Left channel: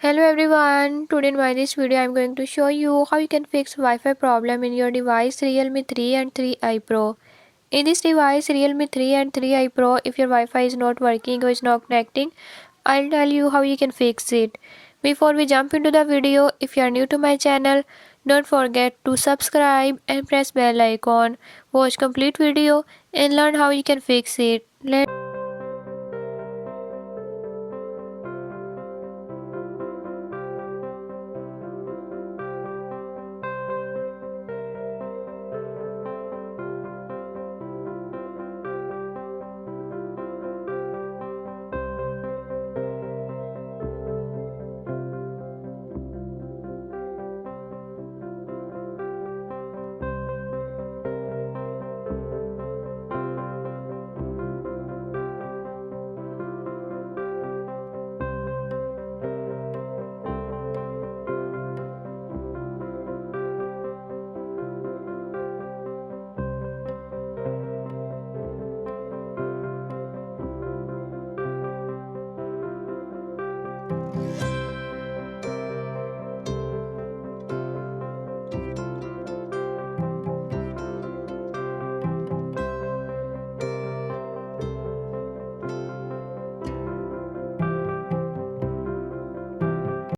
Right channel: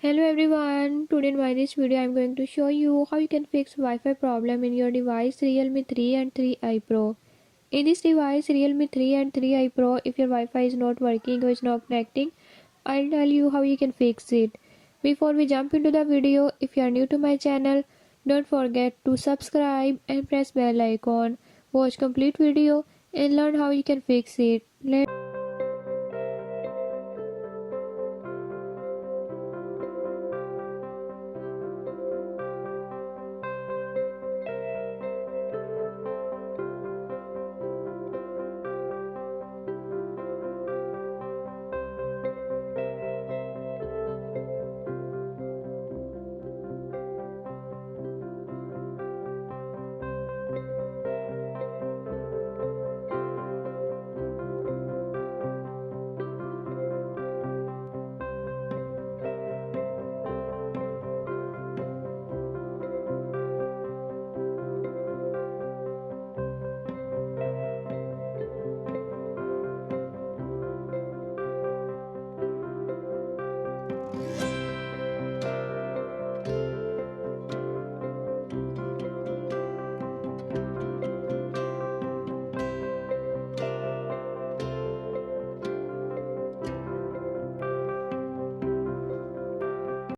Hello everyone, today in this video I am going to show you how you can fix Wi-Fi problem in your device Realme 3 and 3i Pro. In this device Realme 3 and 3i Pro, if your Wi-Fi is not working or is not connecting, I'll tell you how you can fix it. Before we jump into the video, if you are new to my channel, don't forget to subscribe and press bell icon. Watch complete video and learn how you can fix it.